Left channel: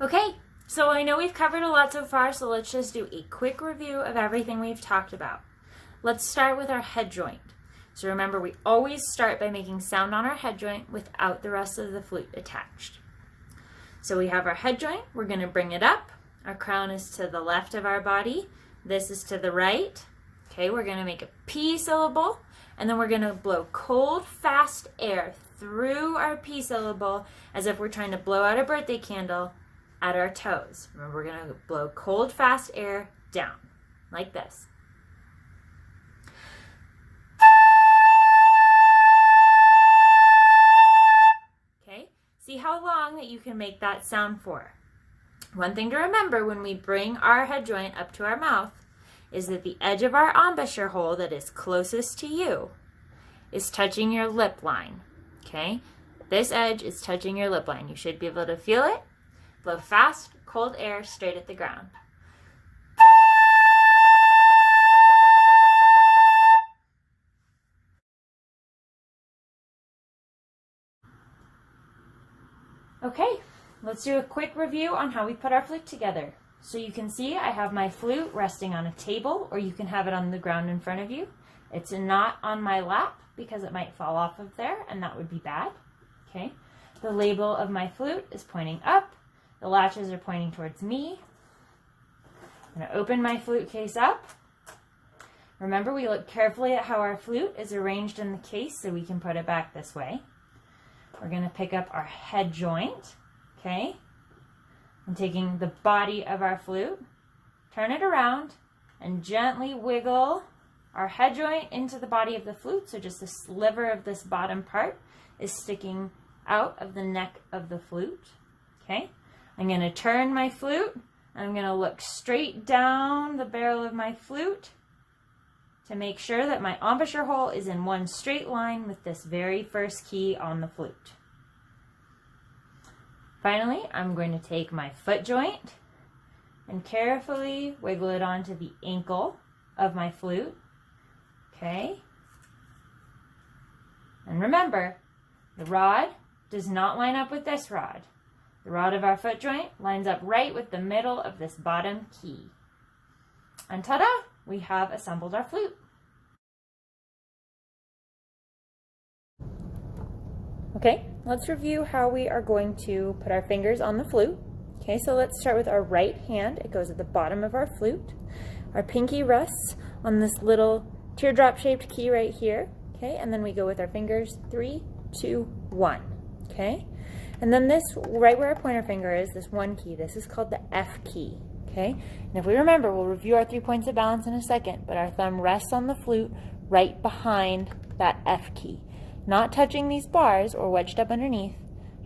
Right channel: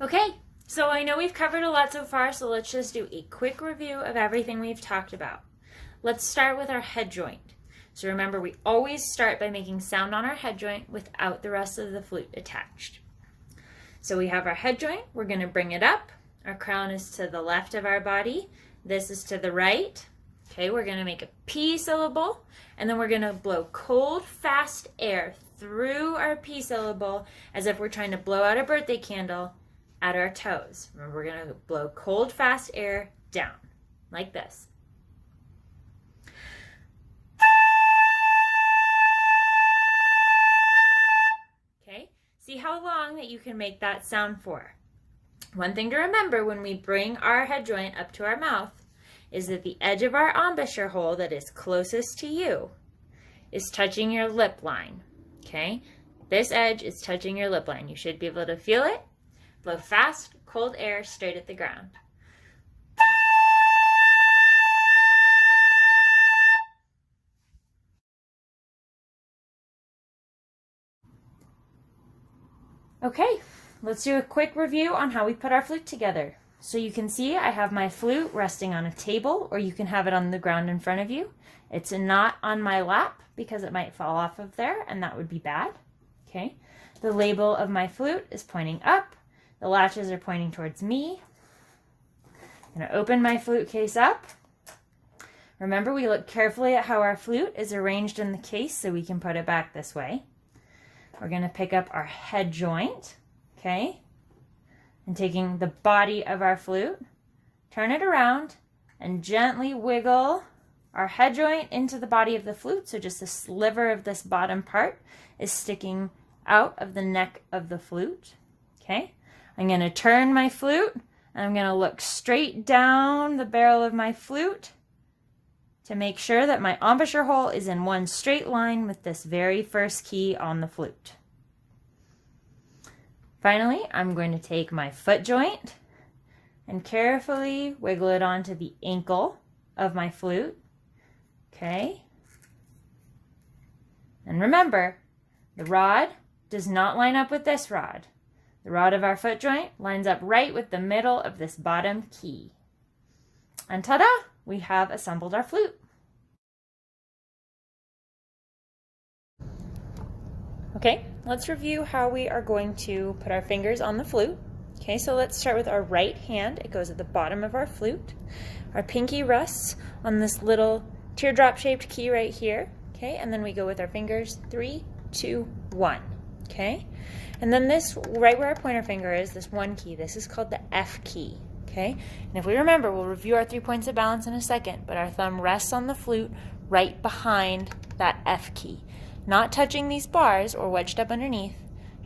Okay, so I know we've covered a lot so far, so let's just do a quick review of everything we've talked about. Let's start with our head joint. So remember, we always start by making sound on our head joint without the rest of the flute attached. So we have our head joint, we're going to bring it up. Our crown is to the left of our body. This is to the right. Okay, we're going to make a P syllable, and then we're going to blow cold, fast air through our P syllable as if we're trying to blow out a birthday candle at our toes. Remember, we're going to blow cold, fast air down, like this. Okay, see how long that you can make that sound for. One thing to remember when we bring our head joint up to our mouth is that the edge of our embouchure hole that is closest to you is touching your lip line. Okay, this edge is touching your lip line. You should be able to feel it. Blow fast, cold air straight at the ground. Okay, let's do a quick review on how we put our flute together. So you can see I have my flute resting on a table, or you can have it on the ground in front of you. It's not on my lap because it might fall off of there, and that would be bad. Okay, the label of my flute is pointing up. The latches are pointing towards me. I'm going to open my flute case up. Remember, we look carefully at how our flute is arranged in the case so we can put it back this way. We're going to pick up our head joint, okay? And taking the body of our flute, turn it around and gently wiggle our head joint into the body of the flute. So just the sliver of this bottom part is sticking out of the neck of the flute, okay? I'm going to turn my flute, and I'm going to look straight down the barrel of my flute to make sure that my embouchure hole is in one straight line with this very first key on the flute. Finally, I'm going to take my foot joint and carefully wiggle it onto the ankle of my flute, okay? And remember, the rod does not line up with this rod. The rod of our foot joint lines up right with the middle of this bottom key. And ta-da! We have assembled our flute. Okay, let's review how we are going to put our fingers on the flute. Okay, so let's start with our right hand. It goes at the bottom of our flute. Our pinky rests on this little teardrop-shaped key right here. Okay, and then we go with our fingers, 3, 2, 1. Okay, and then this, right where our pointer finger is, this one key, this is called the F key. Okay, and if we remember, we'll review our 3 points of balance in a second, but our thumb rests on the flute right behind that F key. Not touching these bars or wedged up underneath,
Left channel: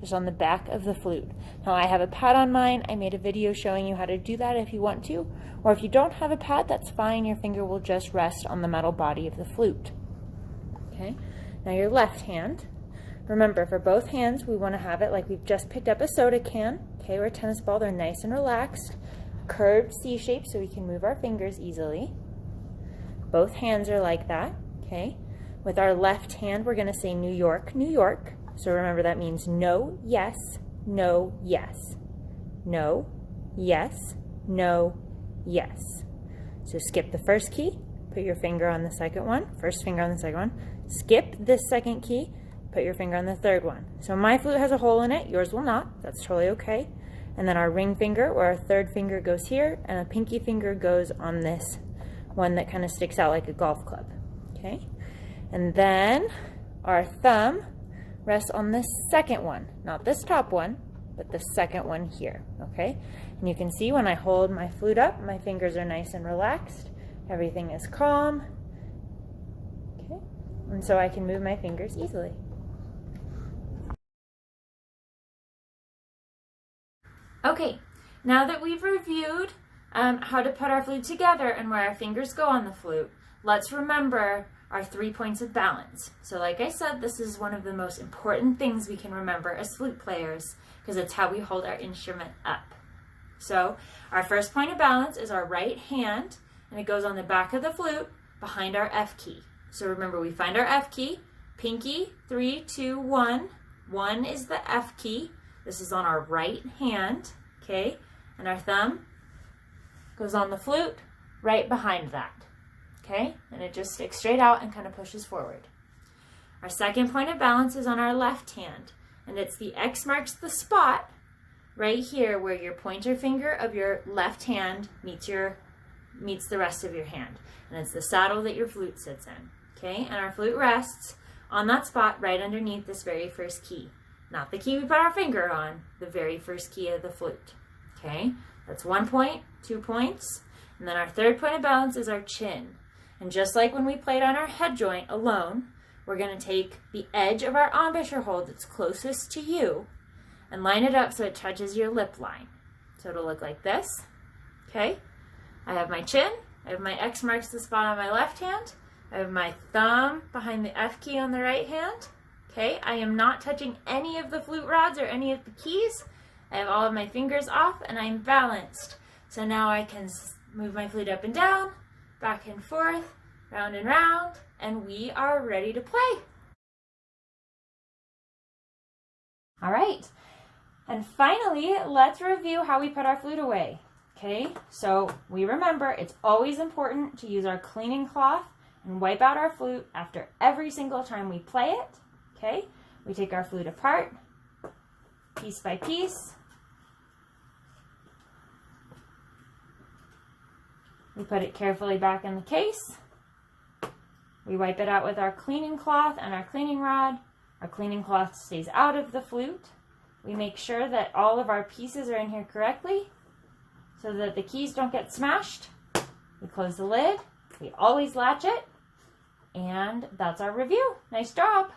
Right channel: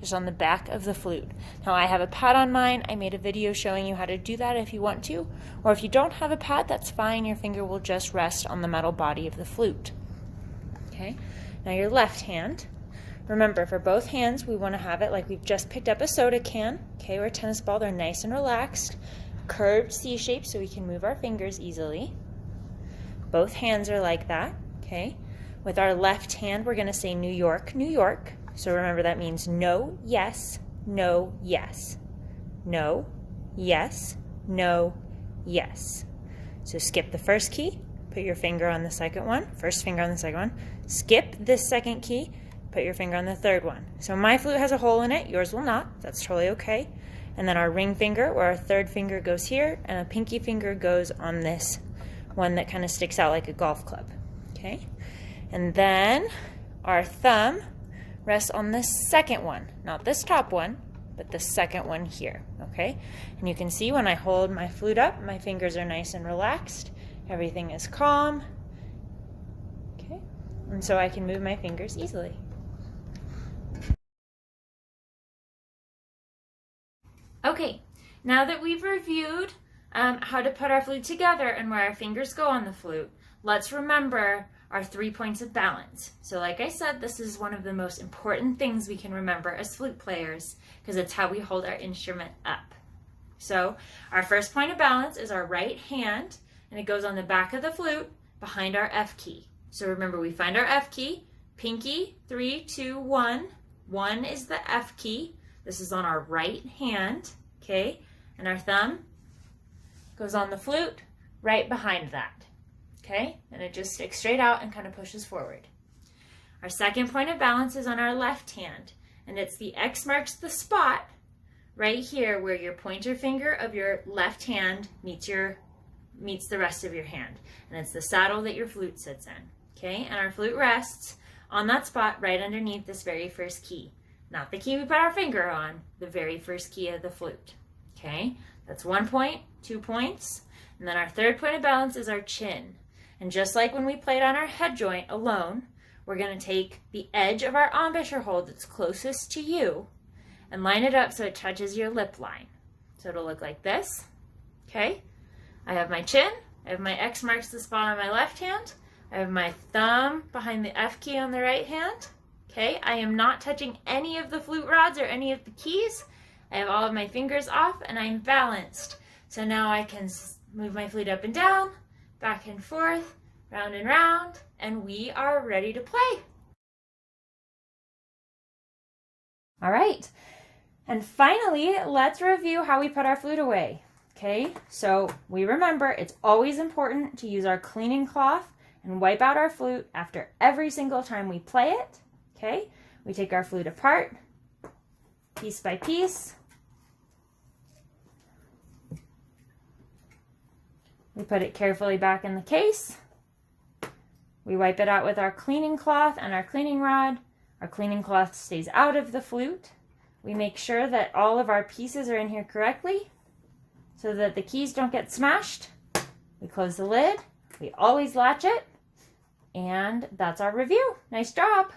just on the back of the flute. Now I have a pad on mine. I made a video showing you how to do that if you want to, or if you don't have a pad, that's fine. Your finger will just rest on the metal body of the flute. Okay, now your left hand. Remember, for both hands, we want to have it like we've just picked up a soda can, okay, or a tennis ball. They're nice and relaxed, curved C shape so we can move our fingers easily. Both hands are like that, okay. With our left hand, we're going to say New York, New York. So remember, that means no, yes, no, yes. No, yes, no, yes. So skip the first key, put your finger on the second one, first finger on the second one. Skip this second key, put your finger on the third one. So my flute has a hole in it, yours will not. That's totally okay. And then our ring finger, or our third finger, goes here, and a pinky finger goes on this one that kind of sticks out like a golf club. Okay? And then our thumb rests on the second one, not this top one, but the second one here, okay? And you can see when I hold my flute up, my fingers are nice and relaxed. Everything is calm, okay? And so I can move my fingers easily. Okay, now that we've reviewed how to put our flute together and where our fingers go on the flute, let's remember our 3 points of balance. So like I said, this is one of the most important things we can remember as flute players because it's how we hold our instrument up. So our first point of balance is our right hand, and it goes on the back of the flute behind our F key. So remember, we find our F key, pinky, 3, 2, 1. 1 is the F key. This is on our right hand. okay? And our thumb goes on the flute right behind that, okay? And it just sticks straight out and kind of pushes forward. Our second point of balance is on our left hand, and it's the X marks the spot right here where your pointer finger of your left hand meets the rest of your hand. And it's the saddle that your flute sits in, okay? And our flute rests on that spot right underneath this very first key. Not the key we put our finger on, the very first key of the flute, okay? That's 1 point, 2 points. And then our third point of balance is our chin. And just like when we played on our head joint alone, we're going to take the edge of our embouchure hold that's closest to you and line it up so it touches your lip line. So it'll look like this, okay? I have my chin, I have my X marks the spot on my left hand, I have my thumb behind the F key on the right hand, okay? I am not touching any of the flute rods or any of the keys. I have all of my fingers off and I'm balanced. So now I can move my flute up and down, back and forth, round and round, and we are ready to play. All right, and finally, let's review how we put our flute away. Okay, so we remember it's always important to use our cleaning cloth and wipe out our flute after every single time we play it. Okay, we take our flute apart, piece by piece. We put it carefully back in the case. We wipe it out with our cleaning cloth and our cleaning rod. Our cleaning cloth stays out of the flute. We make sure that all of our pieces are in here correctly so that the keys don't get smashed. We close the lid. We always latch it. And that's our review. Nice job.